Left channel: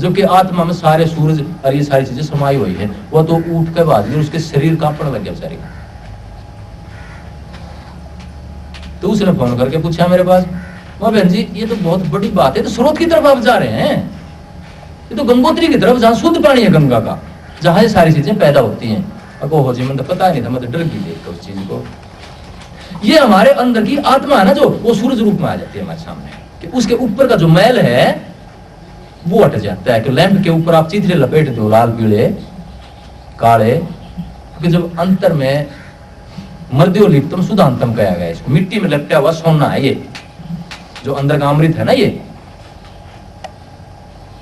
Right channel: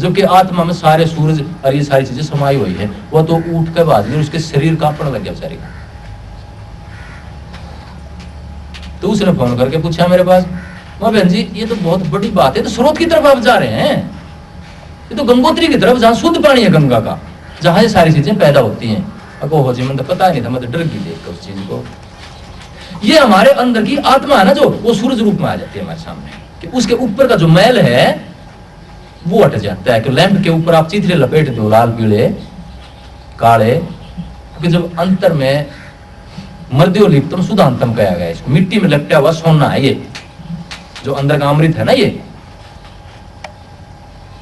जो कि आत्मा में सारे सूरज और ये सारी चीजें समाई हुई है। वो तो उठ के बाद में उसके शरीर कांपने लग गया बेचारे का। तो उसने फोन करके पूछा मेरे पास, मां बहन जी ये तो बहुत बड़ी बात है, तो स्रोत की तरफ आप जा रहे हैं, ये तो गंगोत्री की तरफ जहां शुद्ध पानी है गंगा का, जहां ये सारी चीजें पैदा होती हैं। अब हो जी, मैंने तो पता नहीं था, मैं तो डर गई देख उस चीज को। ये हमारे अंदर की आत्मा है ना, जो वो सूरज रूप में आ जाती है हमारे सामने, कि उसके ऊपर का जो मैल है वो हट जाता है। कि लैंप के ऊपर आप चिथड़े लपेट दो लाल पीले काले, क्योंकि जब अंतर में मर्द्योलिप्तम सुधांतम कहा गया, इसको मिट्टी में लपटा हुआ सोना है, ये जो अंदर का अमृत है ना, ये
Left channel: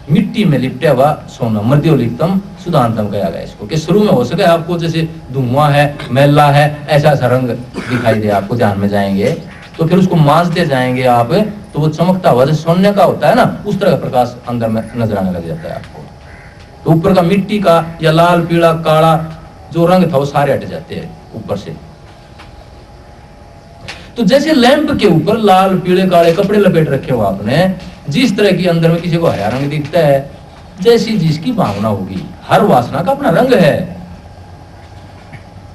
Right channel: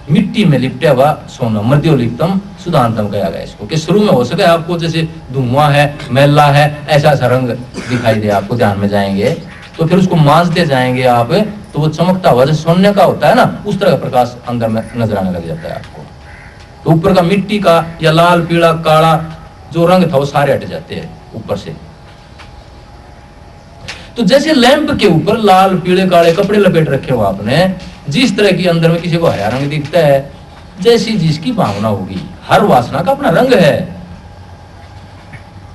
मिट्टी में लिपटा हुआ सोना, मर्द्योलिप्तम सुधांतम कहा गया इसको। कि शुरू में हो सके आपको जैसे धुआं है, मैला है, ऐसा ऐसा रंग दिखाई दे आपको, ध्यान में जाएंगे तो फिर उसको मांजते जाएंगे आप, तो वो चमकता हुआ जैसे सोने का होता है ना, उस तरह का प्रकाश अंदर में नजर आने लग जाता है आपको। तो ऊपर का मिट्टी का या लाल पीला काला जो रंग था वो सारे हट जाते हैं ऊपर से। तो जैसे लैंप के ऊपर लाल पीले काले कपड़े लपेट रखे हो आपने, जिस तरह की अंदर में किसी को हरा रंग दिखता है, जैसी जिसकी भावना होगी, हर वासना का अपना रंग है।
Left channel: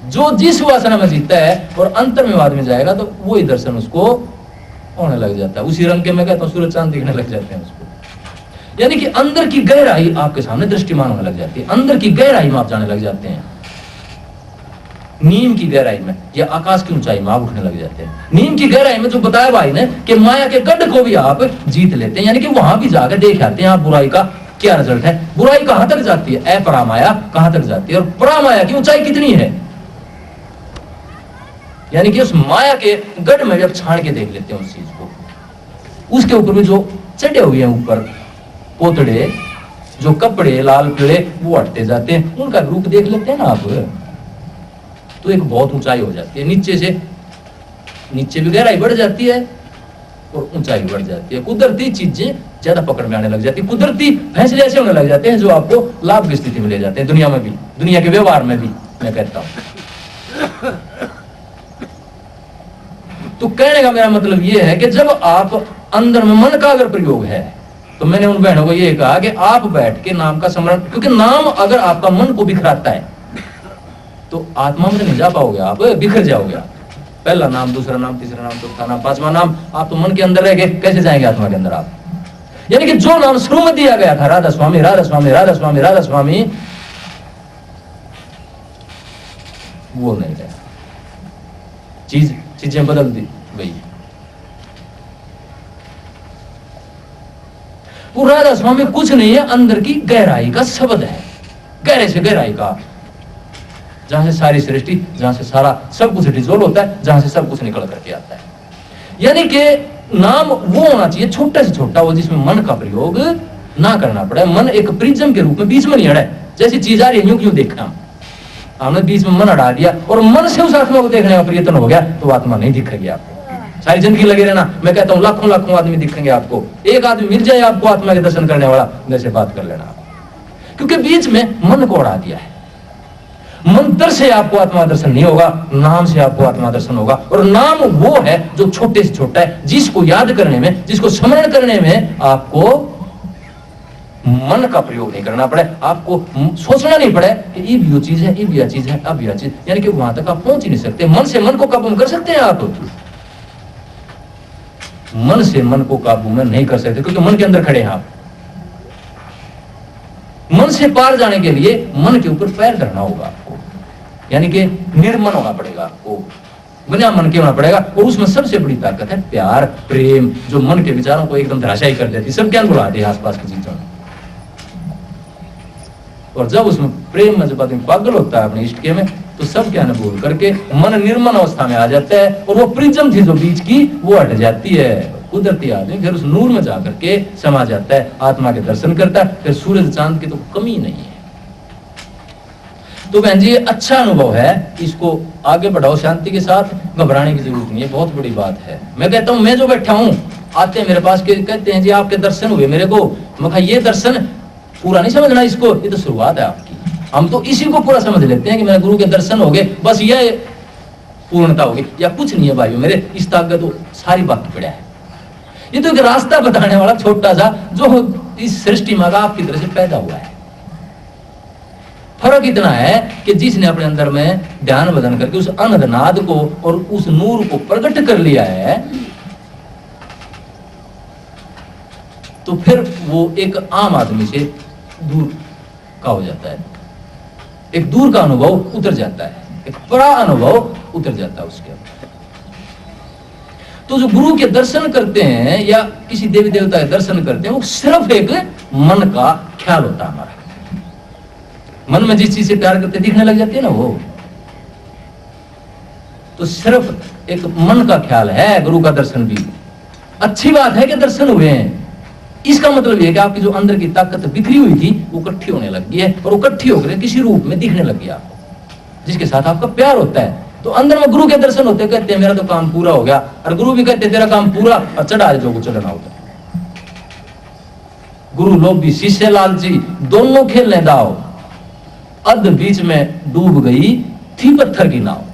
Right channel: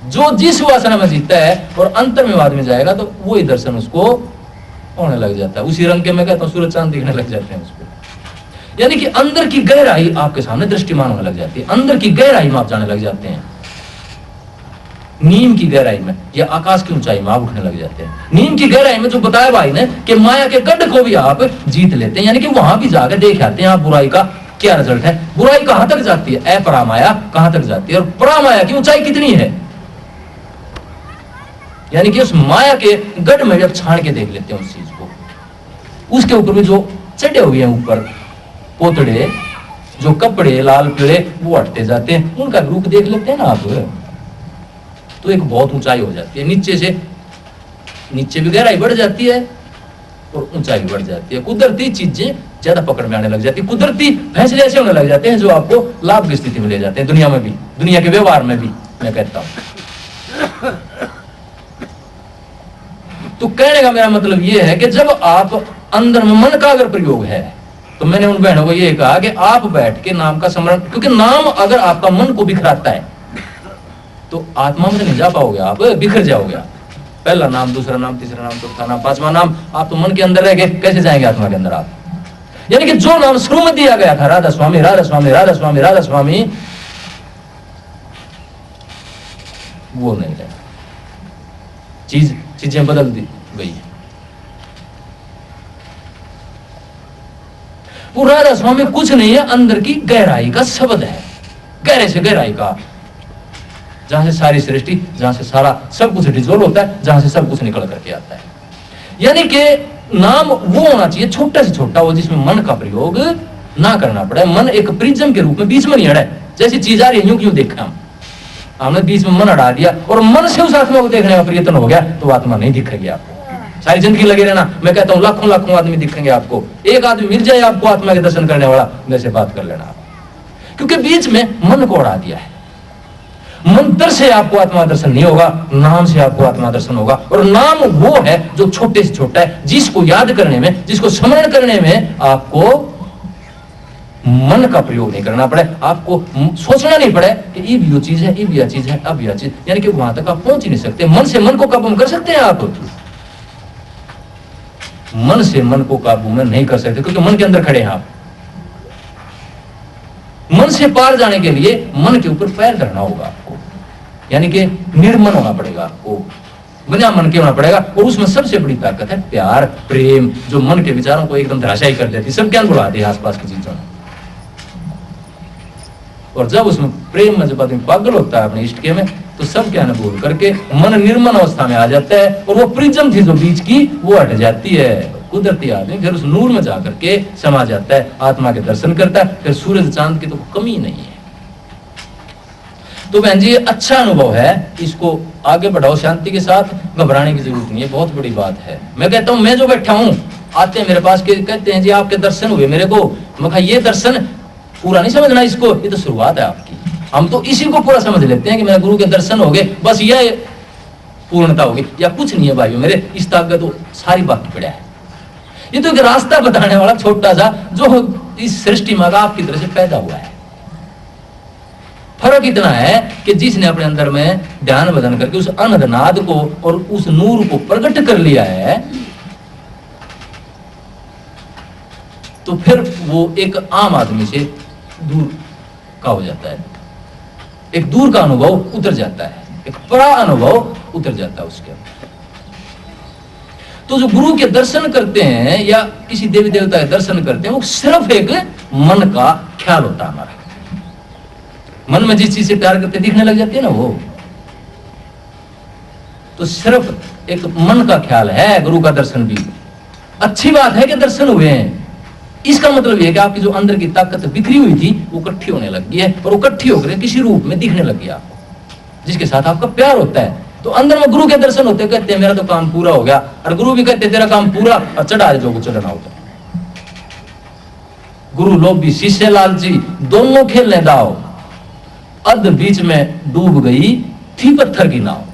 जो जिस वासना में जीता है और अंतर्मवाद में जाएगा तो वही दर्शन उसको होने लग जाता है। उसी रंग के मैं कहता हूँ सूरज चांद दिखने लग जाते हैं उसको। यानी कि अंदर की गहराई आपके सामने दृष्टिमान होने लग जाती है, अंदर की गहराई में आप जाने लग जाते हैं। नीम की गहराई में या आकाश की ऊंचाई में आप उठने लग जाते हैं। नीम की गहराई में जो बताया भाई ने कि माया के गड्ढ को भी आप जीत लेते हैं, यानी कि वहां भी जाकर देख आते हैं आप बुराई का क्या रिजल्ट है, बुराई कहां तक जाती है, अपरामाया कहां तक जाती है और परामाया की ऊंचाई कितनी है। यानी कि उस माया के गढ़ में जब छान के देख लेते हैं उस चीज को, उसके ऊपर भी जो चढ़े हुए हैं ऊपर पोतड़े, जो कपड़े लाल पीले वो हटते जाते हैं, उनका रूप देख लेते हैं ना आप, तो एक बहुत ऊंचाई हो जाती है। नीचे से नीचे भी गहराई बढ़ जाती है और ऊंचाई भी बढ़ जाती है। कुदरती चीजें ज्यादा पकड़ में आने लग जाती है, कुदरती फैसले ऐसे होने लग जाते हैं जो आपको लाभ की स्थिति में ले जाते हैं, दुनिया में भी, दुनिया के व्यवहार में भी मैं कहता हूं। तो कहने का मेरा मतलब यह है कि जब आप अंदर में मन का अगर प्रयोग है, तो मैंने उन बहनों को यह कहा कि आप बैठ के नाम का स्मरण, क्योंकि नाम अगर आपका मन को बिखराता है तो आत्मा में नहीं जा पाओगे, आप बिखर जाओगे। पहला नाम, दूसरा नाम, तीसरा नाम, चौथा नाम, पांचवा नाम, आप तो मन के अंदर रह गए, कैसे जाएंगे आत्मा के अंदर आप। यानी कि जो नाम शुरू में दिया गया था, राधा स्वामी राधा स्वामी राधा स्वामी राधा स्वामी, वो नहीं रहा, चीजें बदल दी गई। वो राधा स्वामी कुछ नहीं है, अंदर की गहराई का शब्द है, गहरे से गहराई का, जहां से सारी सृष्टि, जहां से सारा सब कुछ डिजोल्व होता है, जहां से सब कुछ निकल करके आता है। यानी कि नाम वो होना चाहिए छोटा से छोटा, वो जिसमें मन का प्रयोग ना करना पड़े। मन एक प्रिज्म के रूप में बीच में नहीं अड़े, जैसी चीज आ रही है यूं क्यों देखा, हमने बीच में मन अड़ा दिया और मन से उस आत्मा को देखने का प्रयत्न हो गया तो आत्मा नहीं दिखेगी आपको। सारी जिंदगी लगे रहना, मैं कहता हूं लाखों लाखों आदमी दिखेंगे आपको, एक आदमी मिल जाए आपको आत्मा के दर्शन करने वाला, मेरे से बात कर लेना आप, क्योंकि बीच में मन को अड़ा दिया है। मंत्र से आपको आत्मा दर्शन नहीं होगा, नाम से आपको आत्मा दर्शन होगा। और नाम वो है जो छोटे से छोटा है, जिसको याद करने में, जिसको स्मरण करने में आपको मन का प्रयोग नहीं करना पड़े, आपको सोचना नहीं पड़े कि ये भी वो चीज है, ये भी यह चीज है, अब यह चीज, यानी कि वहां तक आप पहुंच ही नहीं सकते। मन से मन को काबू में कर सकते हैं आप, मन से मन को काबू में नहीं कर सकते, क्योंकि मन के अंदर खड़े हैं आप। मन से पार जाने के लिए मन के ऊपर पैर धरना होगा आपको, यानी कि निर्मन होना पड़ेगा आपको, बिना मन के होना पड़ेगा। और उसमें सबसे बड़ी ताकत है प्यार, प्रेम, जो मन के विचारों को एकदम धराशायी कर देती, सब ज्ञान बुला दे आसपास की चीजों में। और जब उसमें प्रेम में जब आदमी पागल होता है अपने इष्ट के में, तो सब ज्ञान भूल करके मन निर्मल अवस्था में आ जाता है, और वो प्रिज्म थी जो बीच की वो हट जाती है। कुदरती आदमी फिर उस नूर में जाकर के समा जाता है, आत्मा के दर्शन करता है, फिर सूरज चांद की तो कमी नहीं है। तो बहन जी ये अच्छा अनुभव है, इसको आगे बढ़ाओ शांति के साथ, घबराने की जरूरत नहीं है, बहुत बड़ी बात है। मैं कहता हूं, मैं जो बैठा हूं, आते हैं मेरे पास के कहते हैं जी आपके दर्शन हुए मेरे को, मैं कहा ये दर्शन पूरा नहीं समझना इसको, ये तो शुरुआत है आपकी। हम तो इसी को पूरा समझ लेते हैं कि मेरे गुरु के दर्शन हो गए, बस ये पूर्णता होगी, या कुछ नहीं है भाइयों मेरे, इस ताकत तो सारी बाकी पड़ा है। ये तो एक रास्ता बताने वाला छोटा सा, जो इस सृष्टि में आपकी तरह से पैदा हुआ है। फर्क इतना है कि जिसने अपने अंदर में ध्यान बदन करके उस अनंत नाद को और उस नूर को प्रकट कर लिया है, तो फिर वो एक आम आदमी से दूर का हो जाता है, एक दूर का अनुभव उतर जाता है, एक बड़ा अनुभव उतर जाता है उसके अंदर। तो जो गुरु के दर्शन करते हैं या किसी देवी देवता के दर्शन करते हैं, वो सिर्फ एक मन का ख्याल होता है हमारा। मन में जिस चीज से प्यार करते दिखने लग जाती है ना, वो तो सिर्फ एक मन का ख्याल है। गुरु का दर्शन भी अच्छी बात है कि दर्शन हुए हैं, इसका मतलब यह है कि आपकी जो अंदर की ताकत बिखरी हुई थी वो इकट्ठी होने लग गई है, और वो इकट्ठी होकर किसी रूप में दिखने लग गया आपको, जिसके साथ आपका प्यार होता है। तो अंदर में गुरु के दर्शन होते, कहते हैं मेरा तो काम पूरा हो गया, और गुरु भी कहते हैं तेरा काम पूरा, और चढ़ा जो को चढ़ना होता है। गुरु लोभी शिष्य लालची दोनों खेलने दाओ, अध बीच में डूब गई थी पत्थर की नाव,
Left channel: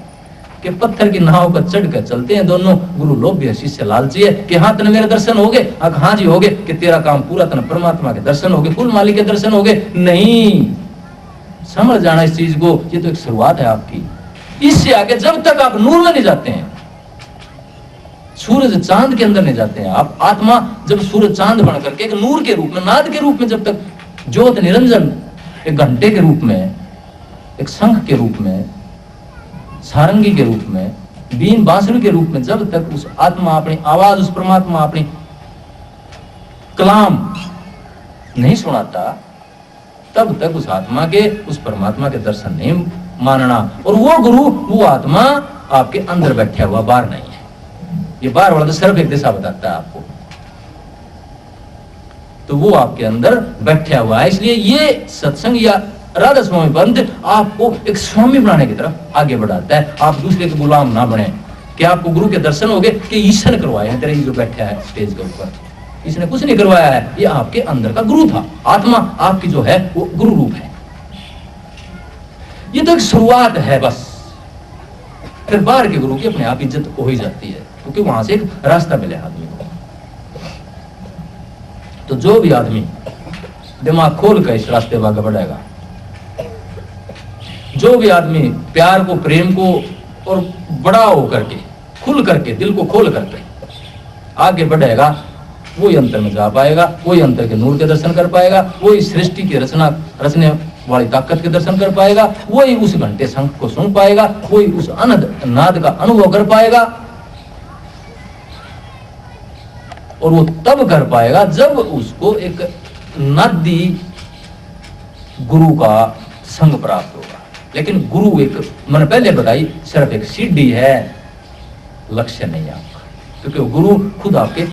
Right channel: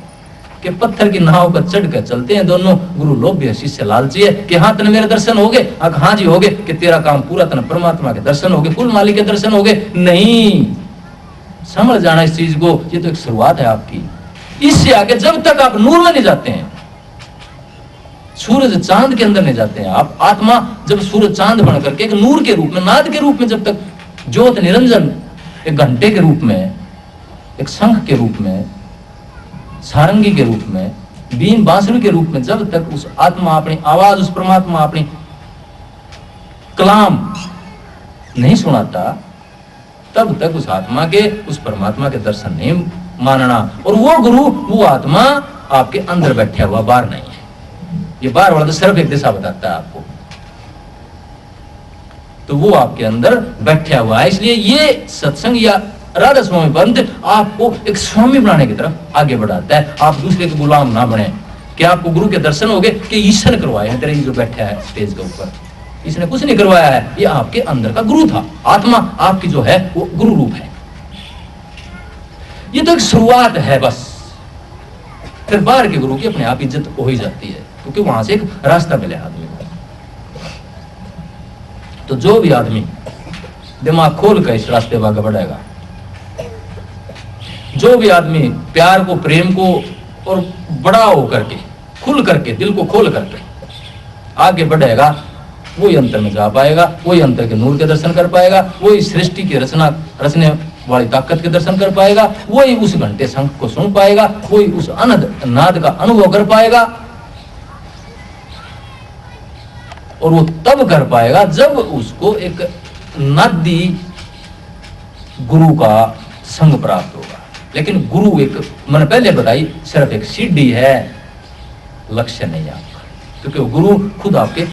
कि पत्थर की नाव पर चढ़ कर चलते हैं दोनों। गुरु लोभी है, शिष्य लालची है, कि हाँ तेने मेरे दर्शन हो गए, हाँ जी हो गए, कि तेरा काम पूरा, तेने परमात्मा के दर्शन हो गए, कुल मालिक के दर्शन हो गए। नहीं, समझ जाना इस चीज को, ये तो एक शुरुआत है आपकी। इससे आगे जब तक आप नूर में नहीं जाते हैं, सूरज चांद के अंदर नहीं जाते हैं आप, आत्मा जब सूरज चांद बन करके एक नूर के रूप में, नाद के रूप में, जब तक ज्योत निरंजन एक घंटे के रूप में, एक शंख के रूप में, सारंगी के रूप में, बीन बांसुरी के रूप में, जब तक उस आत्मा अपनी आवाज, उस परमात्मा अपनी कलाम नहीं सुनाता, तब तक उस आत्मा के, उस परमात्मा के दर्शन नहीं मानना। और वो गुरु, वो आत्मा आपके अंदर बैठा हुआ, बाहर नहीं है। ये बाहर वाला तो सिर्फ एक दिशा बताता है आपको, तो वो आपके अंदर बैठा हुआ है। इसलिए ये सत्संग या राधा स्वामी पंथ आपको एक स्वामी बनाने की तरफ आगे बढ़ाता है। आप दूसरे के गुलाम ना बने, कि आपको गुरु के दर्शन हो गए कि ईश्वर ने करवाए हैं, तेरे जो बैठा है स्टेज के ऊपर, इसने कुछ नहीं करवाया है, ये आपके अंदर का गुरु था। आत्मा आपकी जो है वो गुरु रूप है। ये तो एक शुरुआत है बस, फिर बाहर के गुरु की अपने आप इज्जत हो ही जाती है, क्योंकि वहां से एक रास्ता मिले आदमी को। तो जो भी आदमी दिमाग खोल कर इस रास्ते पर आगे बढ़ेगा, जो भी आदमी प्यार को, प्रेम को और बड़ा होकर के, खुल करके, दिल को खोल करके आगे बढ़ेगा, वही अंतर में जा पाएगा, वही अंतर के नूर के दर्शन कर पाएगा, वही सृष्टि की रचने वाली ताकत के दर्शन कर पाएगा, वही उस घंटे शंख को सुन पाएगा, वही उस अनंत नाद का अनुभव कर पाएगा। और वो तब कर पाएगा जब उसको एक नादी गुरु का संग प्राप्त होगा। लेकिन गुरु एक, मैंने पहले बताई, सिर्फ एक सीढ़ी है, लक्ष्य नहीं आपका, क्योंकि गुरु खुद आपके